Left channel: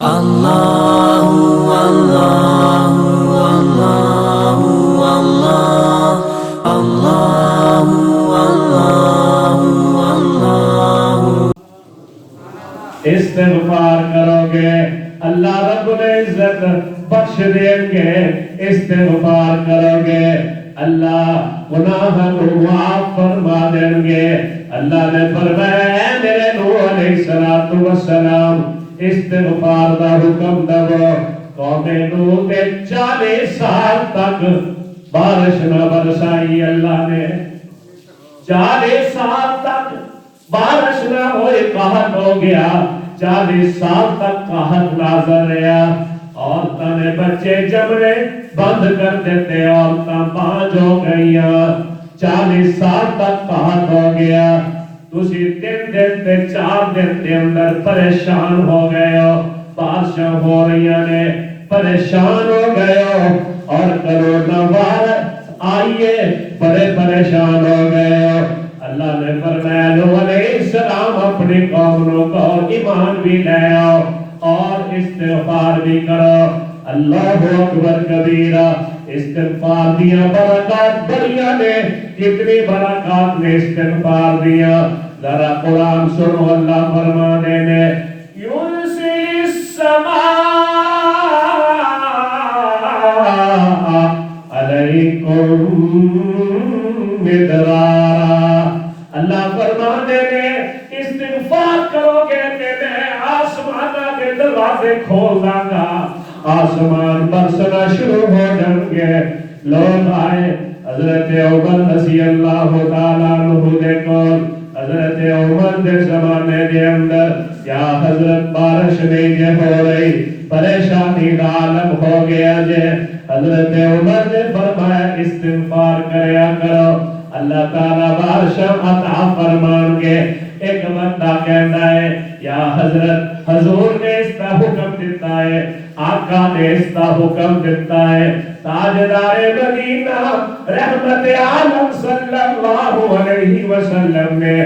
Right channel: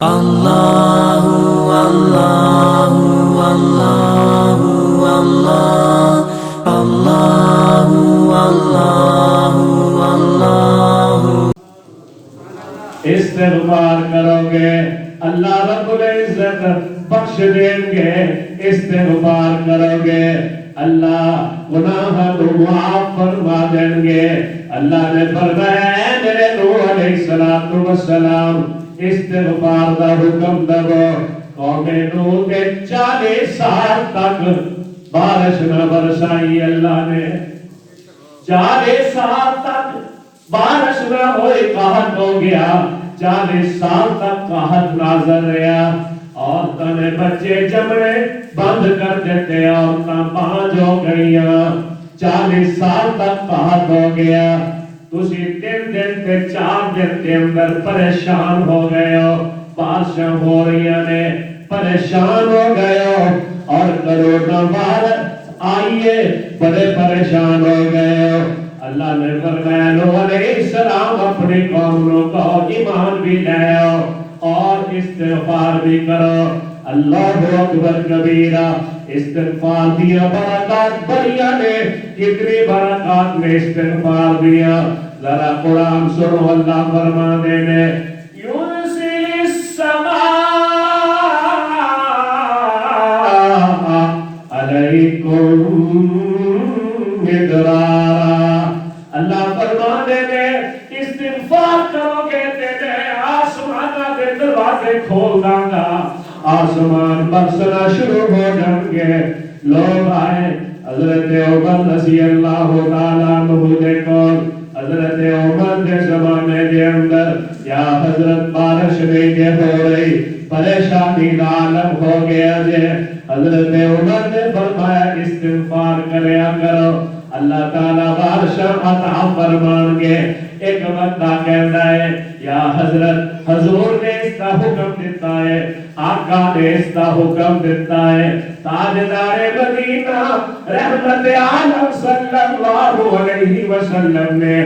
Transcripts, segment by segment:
Allahu Allahu Allahu Allah Allahu Allahu Allahu استغفار کروگے اللہ رب العزت بخش دیں گے استغفار کروگے اللہ گناہ کو معاف فرما دیں گے اللہ نے فرمایا اے میرے نوح علیہ السلام استغفار دا حکم دو قوم نوح کے 40 سال تک بارش نہ برسائی اللہ نے 40 سال تک بارش نہ ہوئی قحط ہو گیا 40 سال تک قحط نازل رہا عورتوں نے بچے جمنے بند کر دیتے عورتیں بانج ہو گئی 40 سال تک قحط ہو گیا تسی 3 دن تے 4 دن کے اندر پریشان ہو گئے ہو بارشیں ہو رہی نے پریشان ہو گئے ہو اور کرونا وائرس آئیے بڑے پریشان ہو گئے ہو اللہ نے فرمایا نوح علیہ السلام اپنی قوم کو ایمان بھی لے آؤ اور استغفار بھی کرو اللہ اکبر کبیرہ استغفار دیا برکات دریا نے کتنی برکات نے استغفار دیا ذرا قرآن سنو اللہ فرمانے نے یرسل السماء علیکم مدرارا اللہ فرمانے نے استغفار کرو گے تے آسمانہ کے دروازے کھول داں گا آسمان برسنا شروع ہو جائیں گے لوگ آئے حضرت عمر رضی اللہ تعالیٰ عنہ دیکھو حضرت عمر دے زمانے دے اندر یا حضرت بارش نہیں دے ہو رہی پریشانی عالم ہو گیا جے حضرت عمر نے فرمایا استغفار کریا کرو اللہ تعالیٰ بارش عطا فرمان گے ایک بندہ کہتا ہے یا حضرت حضور نے اس کا حکم دیتا ہے آقا نے اس کا حکم دیتا ہے تاجدار مدینہ رحمت عالم صلی اللہ علیہ وسلم نے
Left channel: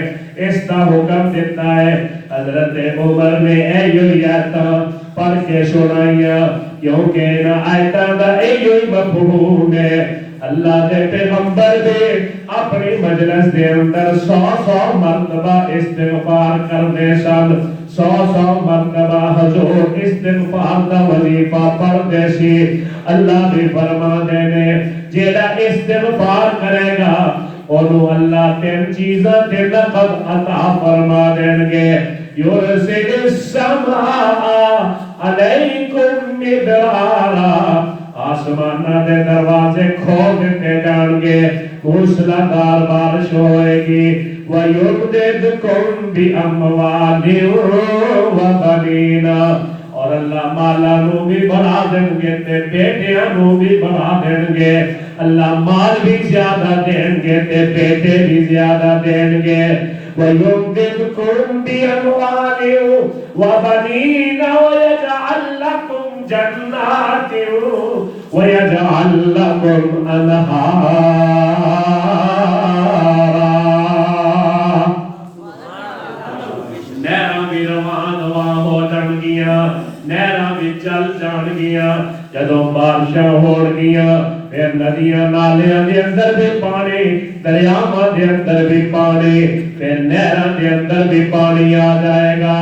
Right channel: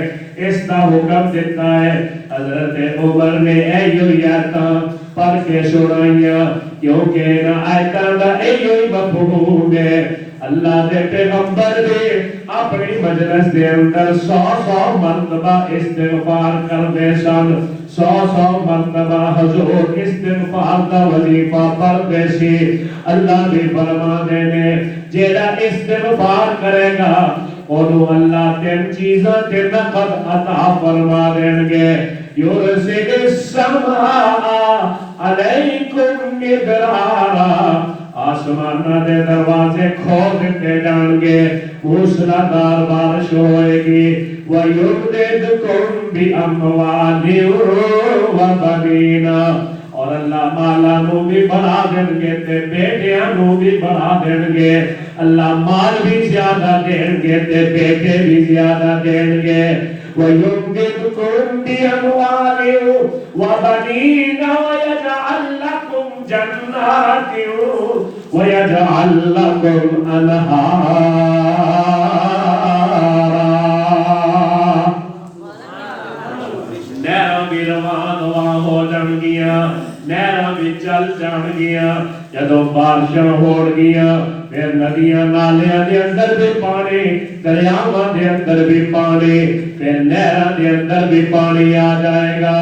اس کا حکم دیتا ہے حضرت عمر نے ایتا پڑھ کے سنائیا کیونکہ ان آیتاں دا ایہی مفہوم ہے اللہ دے پیغمبر دے اپنی مجلس دے اندر 100 مرتبہ استغفار کرنے سن 100 مرتبہ حضور استغفار دا وظیفہ پڑھتے سی اللہ بھی فرما دے نے جیڑا استغفار کرے گا انہوں اللہ 3 چیزیں تے نقد عطا فرما دیں گے یرسل السماء علیکم مدرارا آسمانہ دے دروازے کھول دیتے جان گے موسلادھار بارش ہوئے گی وَيُمْدِدْكُمْ بِأَمْوَالٍ وَبَنِينَ اور اللہ مالا نو بھی بڑھا دیں گے تے بیٹیاں نو بھی بڑھا دیں گے اللہ مال بھی زیادہ دیں گے تے بیٹے بھی زیادہ دیں گے وَيُمْدِدْكُمْ بِأَمْوَالٍ وَبَنِينَ وَيَجْعَلْ لَكُمْ جَنَّاتٍ وَيَجْعَلْ لَكُمْ أَنْهَارًا نہراں بھی روان ہو جان گیا نہراں بھی چل جان گیا جدوں بارشاں ہو گیا پھر ندیاں نالیاں دے اندر بھی پانی دریاواں دے اندر بھی پانی پھر نہراں دے اندر بھی پانی آ جائے گا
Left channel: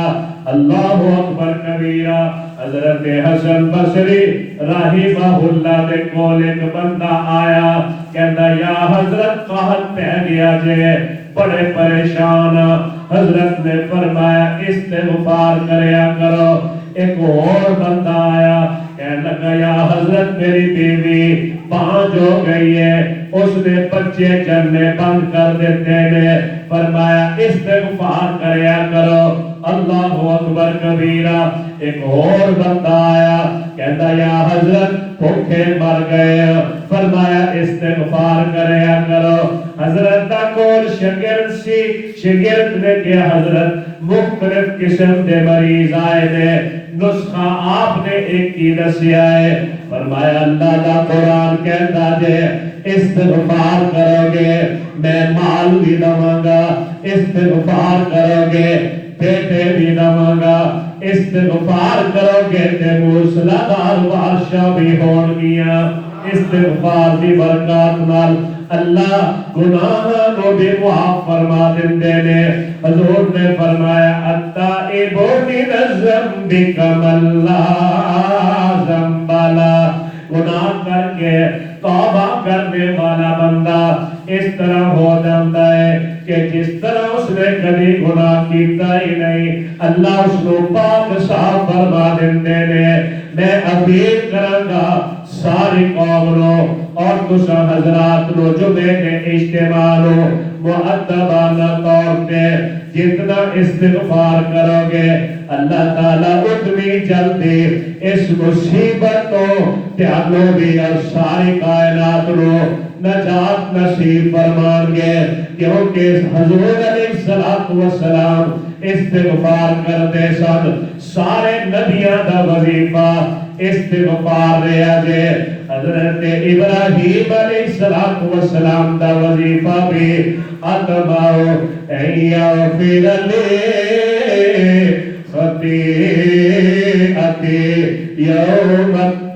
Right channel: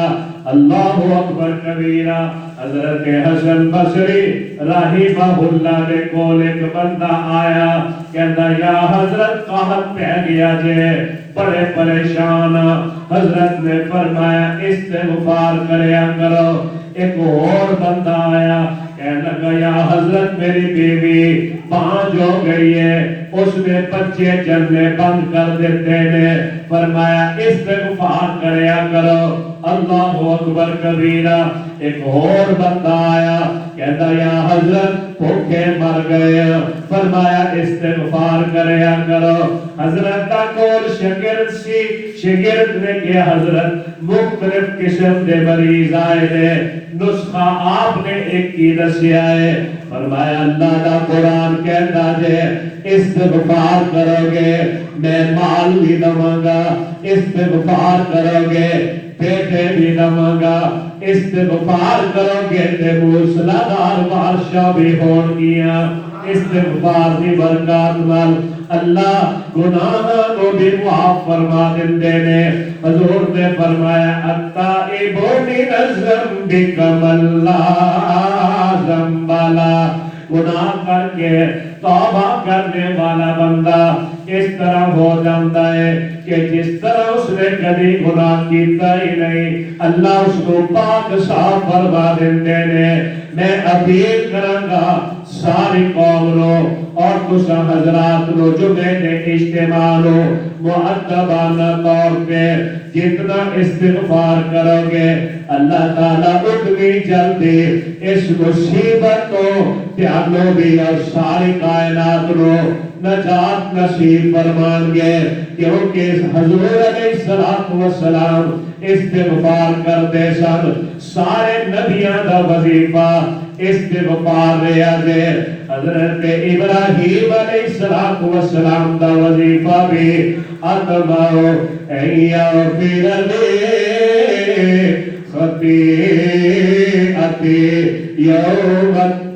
اللہ اکبر کبیرہ حضرت حسن بصری رحمہ اللہ دے کول ایک بندہ آیا کہندا یا حضرت قحط پہ گیا جے بڑے پریشان حضرت نے فرمایا استغفار کریا کرو ایک اور بندہ آیا کہنے لگا یا حضرت میری بیوی بانج ہو گئی ہے اس نے بچے جننے بند کر دیتے نے فرمایا استغفار کریا کرو اللہ اکبر کبیرہ ایک اور بندہ آیا کہتا یا حضرت بھوکے مر گئے فرمایا استغفار کریا کرو حضرت دا کول شگرد سی شگرد نے کہ حضرت مختلف قسم دے مریض آئے دے نسخہ آپ نے ایک کی دسیا ہے فرمایا اللہ دا قرآن کہتا دے استغفار کرو گے میں مال بھی دوں گا استغفار کرو گے بیٹے بھی دوں گا استغفار کرو گے تے موسلادھار بارشاں بھی ہون گیاں استغفار دی برکات نال اللہ گناہاں نو بھی معاف فرما دیندے نے حضور نے فرمایا التائبون من الذنب کمن لا ذنب لہ گناہ کر کے توبہ کرنے والا بندہ اس طرح ہو جاتا ہے کہ جس طرح اس نے کبھی گناہ کیتا ہی نہیں اللہ اس کو پاک صاف فرما دیندے نے میں اپیل کروں گا ساری قوم لو اور دوسرا حضرات لو جو میں نے اجتماع لو مؤدبانہ طور پہ جتنا استغفار کرو گے اللہ تعالیٰ اتنی جلدی اس مصیبت کو تیانو بھی اور ساری کائنات لو نجات نصیب فرمان گے کیونکہ حضور علیہ السلام استغفار کرتے سن سارے نبیاں دا وظیفہ استغفار رہا دے حضرت ابراہیم علیہ السلام دا وظیفہ بھی اتماؤ ایغفر لی خطیئتی یوم الدین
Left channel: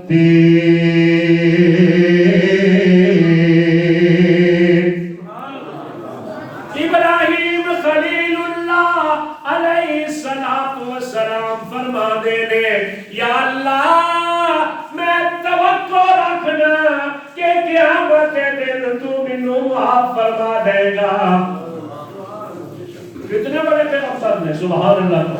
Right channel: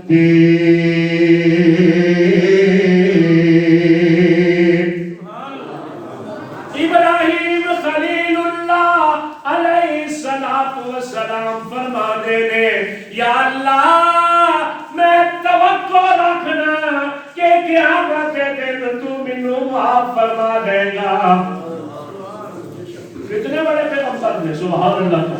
ابراہیم خلیل اللہ علیہ السلام فرما دینے یا اللہ میں توقع رکھنا کہ قیامت کے دن تو منو معاف فرما دے گا کتنے بڑے پیغمبر نے سبحان اللہ